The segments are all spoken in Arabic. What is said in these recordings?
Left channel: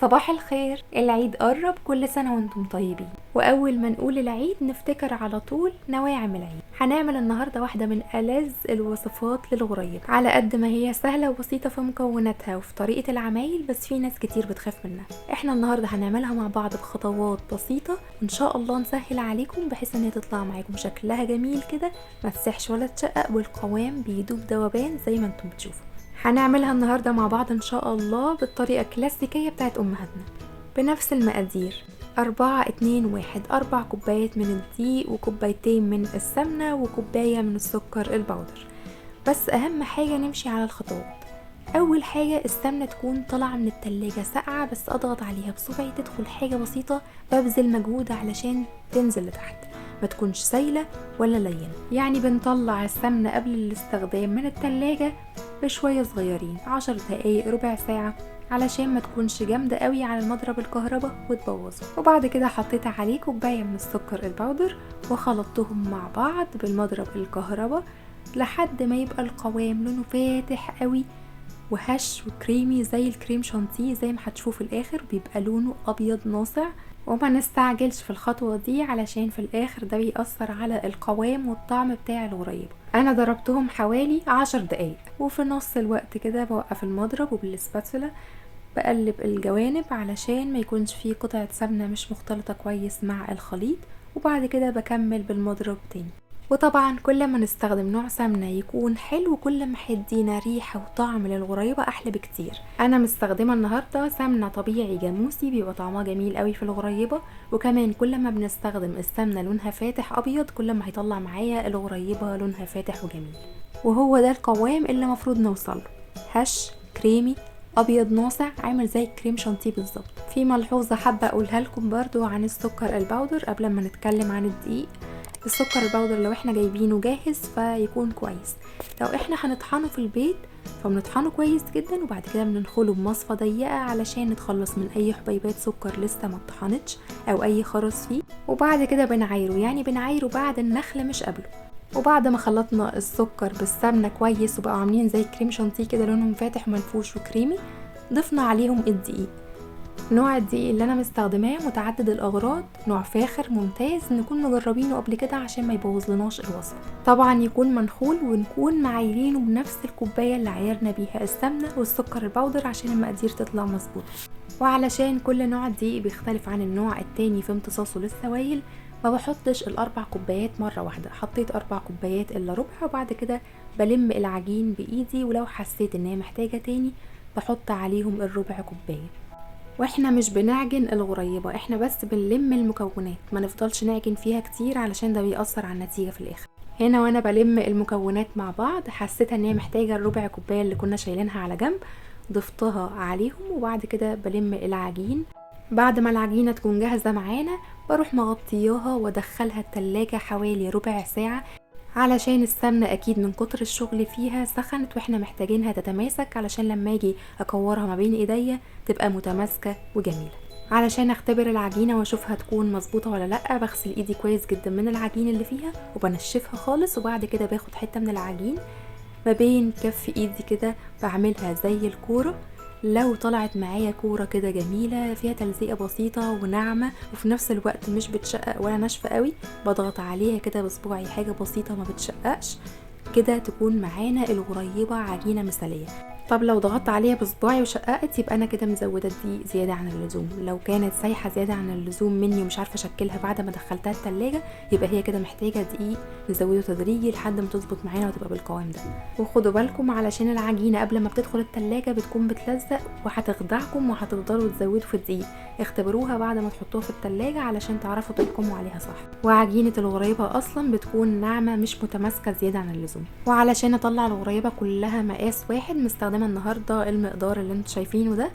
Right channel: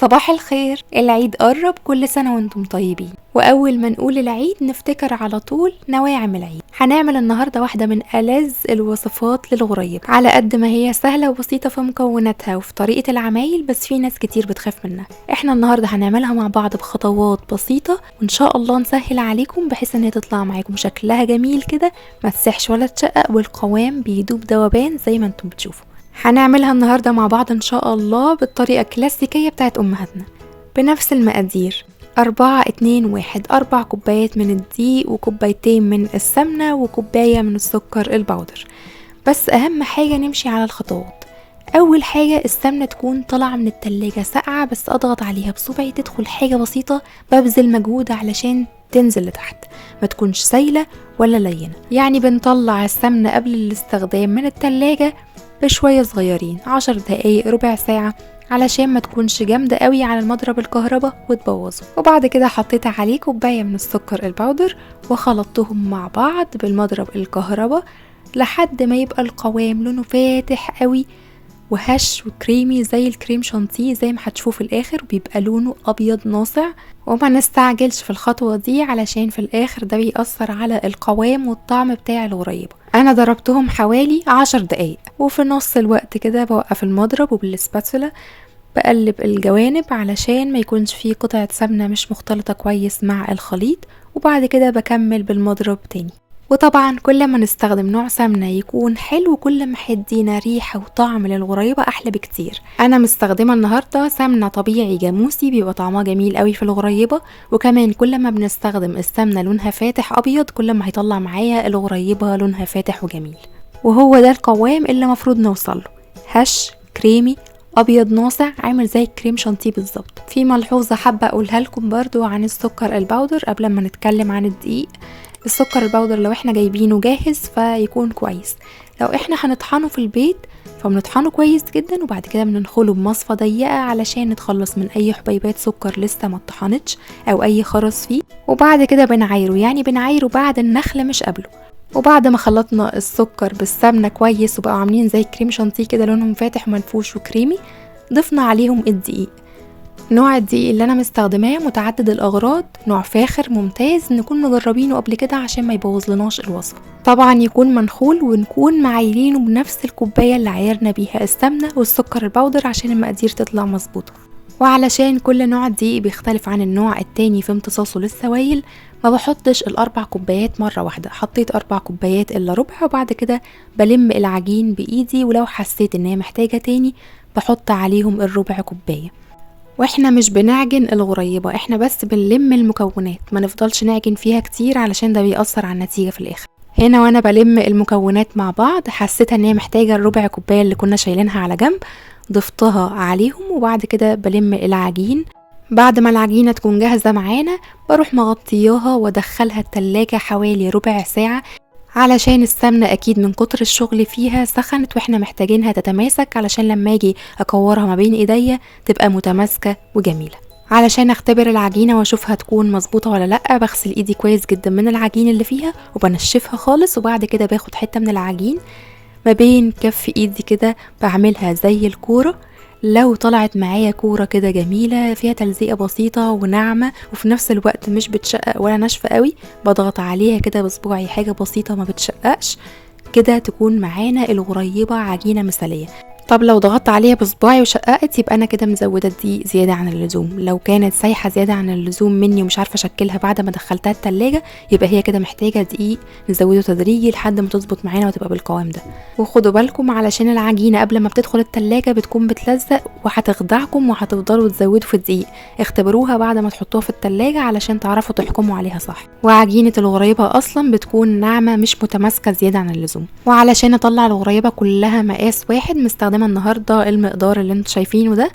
صباح الخير. العيد قرب، كل سنة وانتم طيبين. وأول ما نقول العيد نفتكر على طول نواعم العيد. هنعمل النهاردة واحدة من ألذ الوصفات للغريب، على قد ما هي سهلة وبسيطة في مكوناتها وفي طريقة العمايل، بس في ناس كتير بتخاف منها. احنا النهاردة هنعملها مع بعض بخطوات بسيطة، وإن شاء الله نسهل عليكم بحيث ان هي تطلع معاكم شكلها جميل كده، ما تسحش ولا تشقق، والقوام بيدوب دوبان زي ما انتم بتشوفوا. هنعملها النهاردة مع بعض إن شاء الله بالطريقة الكلاسيكية بتاعت أمهاتنا بنفس المقادير: 4-2-1، 4 كوبايات من الدقيق وكوبايتين من السمنة وكوباية من السكر البودر. بس أهم حاجة نمشي على الخطوات. أول حاجة السمنة تكون طالعة من التلاجة ساقعة، بس أضغط عليها بصبعي تدخل حاجة بسيطة، ببذل مجهود علشان تنزل لتحت، ما تكونش سايلة ولا لينة. يعني بنطلع السمنة قبل الاستخدام من التلاجة بشوية صغيرين، 10 دقايق ربع ساعة، علشان ما تكونش جامدة قوي على المضرب الكهرباء وتبوظه. وبعد كده حطيت عليه كوباية من السكر البودر وخلطتهم مع بعض بالمضرب الكهرباء لحد ما يبقى القوام لونه فاتح قوي وهش وكريمي زي الكريم شانتيه، زي ما هتشوفوا في الاخر بيبقى لونه ابيض ناصع. وما نستعجلش في الخطوة دي علشان في الاخر ده بيأثر على القوام والطعم بتاع الغريبة. انا ضربتهم حوالي 10 دقايق، وفي نص الوقت كده بوقف المضرب وبالسباتولا بقلب الجوانب علشان ما يكونش فيه قطعة سمنة مش مختلطة كويس مع الخليط، وبعد كده بكمل بالمضرب تاني. وطبعا كل ما نستخدم نوع سمنة يكون حلو، كل ما هيدينا ريحة وطعم للغريبة احلى بكتير. انا مستخدمة النهاردة سمنة طبيعي جاموسي، بيبقى طعمها جميل قوي في الغريبة. وكمان كل ما بنستخدم السمنة لونها فاتح ابيض، كل ما هيطلع معايا الغريبة لونها فاتح وجميل. وهو ده القوام اللي مفروض نوصله: هش كريمي ابيض ناصع، عامل زي الكريم شانتيه بالظبط. في ملحوظة حابة اقولها لكم برضو عن السكر البودر قبل ما نتكلم عن الدقيق. السكر البودر لو احنا جايبينه جاهز فيكون كويس، لو احنا هنطحنه في البيت فبنطحنه كويس جدا، وبعد كده بننخله بمصفى ضيقة علشان نتخلص من اي حبيبات سكر لسه ما اتطحنتش او اي خرز فيه. وبعد كده بنعايره، يعني بنعايره بعد النخل مش قبله. وبعد ما خلطنا السكر بالسمنة كويس وبقوا عاملين زي كريم شانتيه كده لونهم فاتح ومنفوش وكريمي، ضفنا عليهم الدقيق. نوع الدقيق اللي انا مستخدماه متعدد الاغراض، نوع فاخر ممتاز نكون مجربينه قبل كده عشان ما يبوظلناش الوصفه. طبعا يكون منخول، ونكون معايرينه بنفس الكوبايه اللي عايرنا بيها السمنه والسكر البودر عشان المقادير تطلع مظبوطه. وعلشان كل نوع دقيق بيختلف عن النوع التاني في امتصاصه للسوائل، ما بحطش ال4 كوبايات مرة واحدة، حطيت 4 كوبايات الا ربع، وبعد كده بلم العجين بايدي، ولو حسيت ان هي محتاجة تاني بحط عليهم الربع كوباية. واحنا مش بنعجن الغريبة، احنا بس بنلم المكونات، ما نفضلش نعجن فيها كتير علشان ده بيأثر على النتيجة في الاخر. هنا وانا بلم المكونات مع بعض حسيتها ان هي محتاجة الربع كوباية اللي كنا شايلينها على جنب، ضفتها عليهم. وبعد كده بلم العجين. بعد ما العجينة تكون جاهزة معانا بروح مغطياها وادخلها التلاجة حوالي ربع ساعة، علشان السمنة اكيد من كتر الشغل فيها سخنت، واحنا محتاجينها تتماسك علشان لما اجي اكورها ما بين ايديا تبقى متماسكة وجميلة. علشان اختبر العجينة واشوفها تكون مظبوطة ولا لا، بغسل ايدي كويس جدا من العجين اللي فيها وبنشفها خالص، وبعد كده باخد حتة من العجين ما بين كف ايدي كده بعملها زي الكورة. لو طلعت معايا كورة كده جميلة فيها تلزيقة بسيطة وناعمة وفي نفس الوقت مش بتشقق ولا ناشفة قوي، بضغط عليها كده بصباعي حاجة بسيطة ما بتشققش كده، تكون معانا الغريبة عجينة مثالية. طب لو ضغطت عليها بصباعي وشققت يبقى انا كده مزودة الدقيق زيادة عن اللزوم. لو كانت سايحة زيادة عن اللزوم مني ومش عارفة اشكلها بعد ما دخلتها التلاجة، يبقى هي كده محتاجة دقيق نزوده تدريجي لحد ما تظبط معانا وتبقى بالقوام ده. وخدوا بالكم علشان العجينة قبل ما بتدخل التلاجة بتكون بتلزق وهتخدعكم وهتفضلوا تزودوا في الدقيق. اختبروها بعد ما تحطوها في التلاجة علشان تعرفوا تحكموا عليها صح. وعجينة الغريبة اصلا بتكون ناعمة مش متماسكة زيادة عن اللزوم. وعلشان اطلع الغريبة كلها مقاس واحد، مستخدمة النهاردة المقدار اللي انتوا شايفينه ده،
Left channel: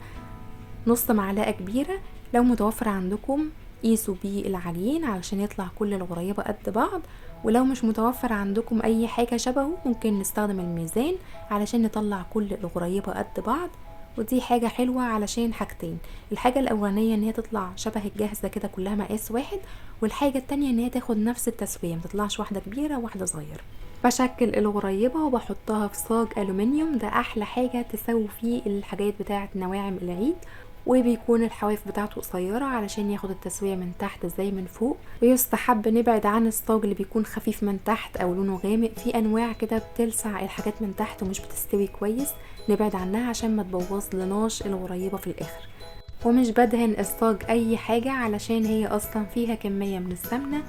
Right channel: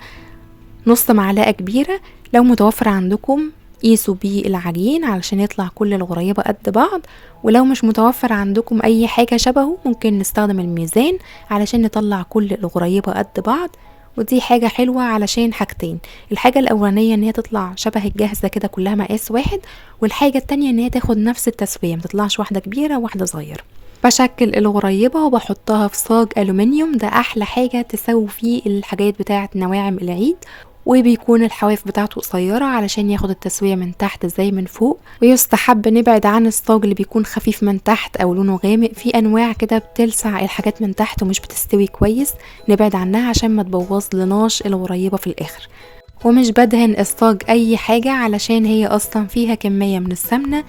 نص معلقة كبيرة. لو متوفر عندكم قيسوا بيه العجين علشان يطلع كل الغريبة قد بعض، ولو مش متوفر عندكم اي حاجة شبهه ممكن نستخدم الميزان علشان نطلع كل الغريبة قد بعض. ودي حاجة حلوة علشان حاجتين: الحاجة الاولانية ان هي تطلع شبه الجاهزة كده كلها مقاس واحد، والحاجة التانية ان هي تاخد نفس التسوية، متطلعش واحدة كبيرة وواحدة صغيرة. بشكل الغريبة وبحطها في صاج ألومنيوم، ده أحلى حاجة تسوي فيه الحاجات بتاعة نواعم العيد. وبيكون الحواف بتاعته قصيرة علشان ياخد التسوية من تحت زي من فوق. ويستحب نبعد عن الصاج اللي بيكون خفيف من تحت او لونه غامق، في انواع كده بتلسع الحاجات من تحت ومش بتستوي كويس، نبعد عنها عشان ما تبوظ لناش الغريبة في الاخر. ومش بدهن الصاج اي حاجة علشان هي اصلا فيها كمية من السمنة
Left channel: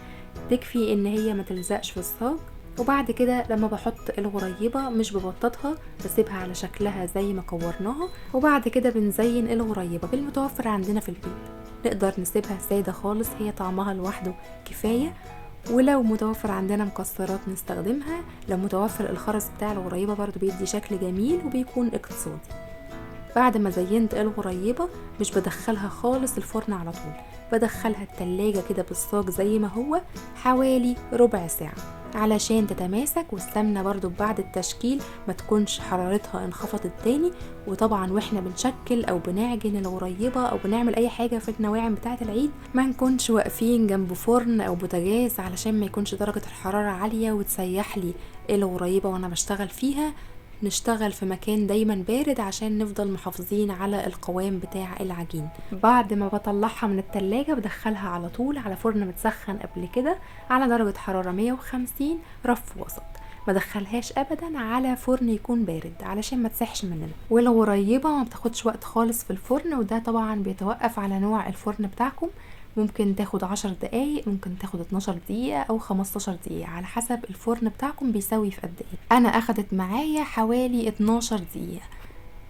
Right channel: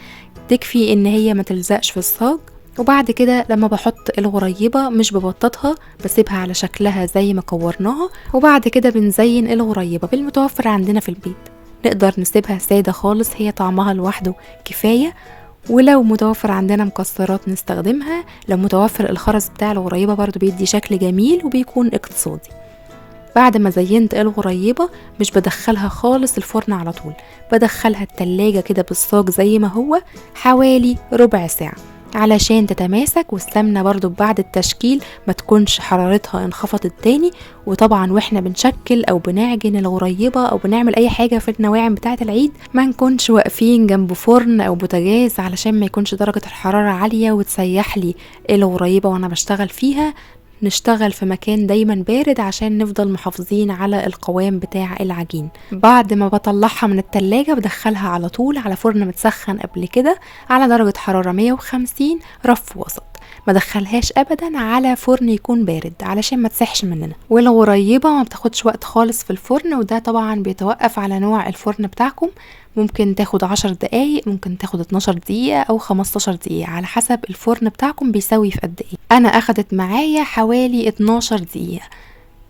تكفي ان هي ما تلزقش في الصاج. وبعد كده لما بحط الغريبة مش ببططها، بسيبها على شكلها زي ما كورناها. وبعد كده بنزين الغريبة بالمتوفر عندنا في البيت، نقدر نسيبها سادة خالص، هي طعمها لوحده كفاية. ولو متوفر عندنا مكسرات نستخدمها، لو متوفر الخرز بتاع الغريبة برضو بيدي شكل جميل وبيكون اقتصادي. بعد ما زينت الغريبة مش بدخلها خالص الفرن على طول، بدخلها التلاجة كده بالصاج زي ما هو حوالي ربع ساعة علشان تتماسك، والسمنة برضو بعد التشكيل ما تكونش حرارتها انخفضت تاني. وطبعا واحنا بنشكل او بنعجن الغريبة او بنعمل اي حاجة في النواعم بتاعة العيد ما نكونش واقفين جنب فرن او بوتاجاز علشان ما يكونش درجة الحرارة عالية وتسيح لي الغريبة وانا بشتغل فيها. نشتغل في مكان دايما بارد عشان نفضل محافظين على القوام بتاع العجين. بعد ما بطلعها من التلاجة بدخلها على طول على فرن متسخن قبل كده على درجة حرارة 150 رف وسط، ما دخلهاش ابدا على فرن يكون بارد علشان ما تسحش مننا. والغريبة ما بتاخدش وقت خالص في الفرن، وده طبعا بيتوقف على نوع الفرن بتاعكم، ممكن تاخد 10 دقايق، ممكن تاخد 12 دقيقة او 15 دقيقة على حسب الفرن بتاعكم بيسوي في قد ايه. انا اخدت معايا حوالي 12 دقيقة،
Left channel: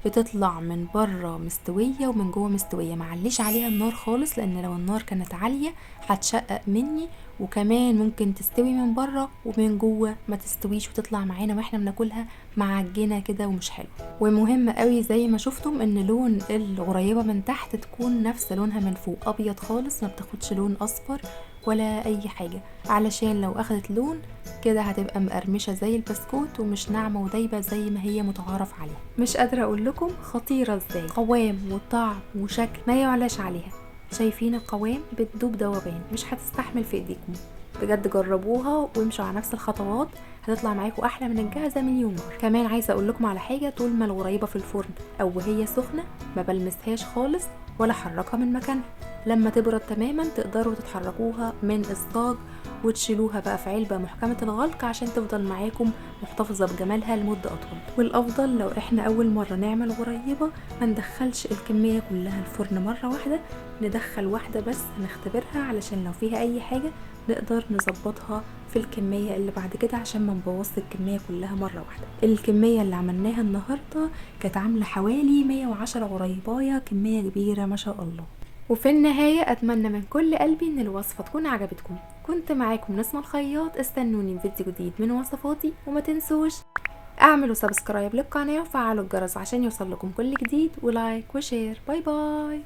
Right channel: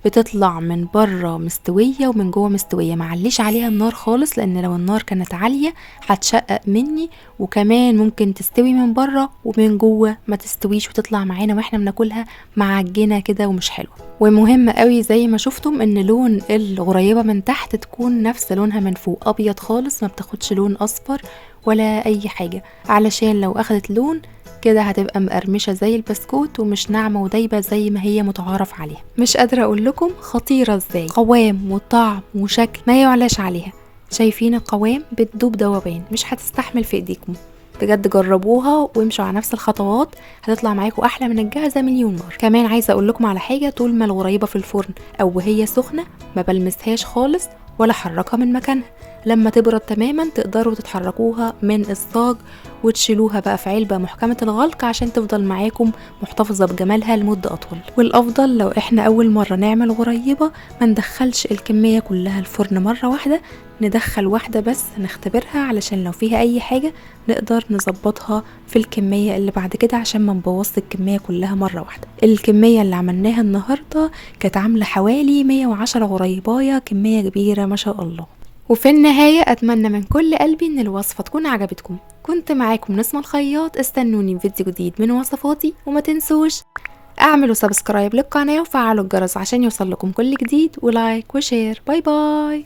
بتطلع من بره مستوية ومن جوه مستوية، معليش عليها النار خالص لان لو النار كانت عالية هتشقق مني، وكمان ممكن تستوي من بره ومن جوه ما تستويش وتطلع معانا واحنا بناكلها معجنة كده ومش حلوة. ومهم قوي زي ما شفتم ان لون الغريبة من تحت تكون نفس لونها من فوق، ابيض خالص، ما بتاخدش لون اصفر ولا اي حاجة، علشان لو اخدت لون كده هتبقى مقرمشة زي البسكوت ومش ناعمة ودايبة زي ما هي متعارف عليها. مش قادرة اقول لكم خطيرة ازاي، قوام وطعم وشكل ما يعلاش عليها. شايفين القوام بتدوب دوبان، مش هتستحمل في ايديكم. بجد جربوها وامشوا على نفس الخطوات، هتطلع معاكم احلى من الجاهزة مليون مرة. كمان عايزة اقول لكم على حاجة، طول ما الغريبة في الفرن او وهي سخنة ما بلمسهاش خالص ولا حركها من مكانها، لما تبرد تماما تقدروا تتحركوها من الصاج وتشيلوها بقى في علبة محكمة الغلق عشان تفضل معاكم محتفظة بجمالها لمدة أطول. والأفضل لو احنا أول مرة نعمل غريبة ما ندخلش الكمية كلها الفرن مرة واحدة، ندخل واحدة بس نختبرها علشان لو فيها أي حاجة نقدر نظبطها في الكمية اللي بعد كده عشان ما نبوظ الكمية كلها مرة واحدة. الكمية اللي عملناها النهاردة كانت عاملة حوالي 110 غريباية، كمية كبيرة ما شاء الله. وفي النهاية أتمنى من كل قلبي إن الوصفة تكون عجبتكم. كنت معاكم نسمة الخياط، استنوني في فيديو جديد من وصفاتي، وما تنسوش اعملوا سبسكرايب للقناة وفعلوا الجرس عشان يوصل لكم كل جديد، ولايك وشير. باي باي.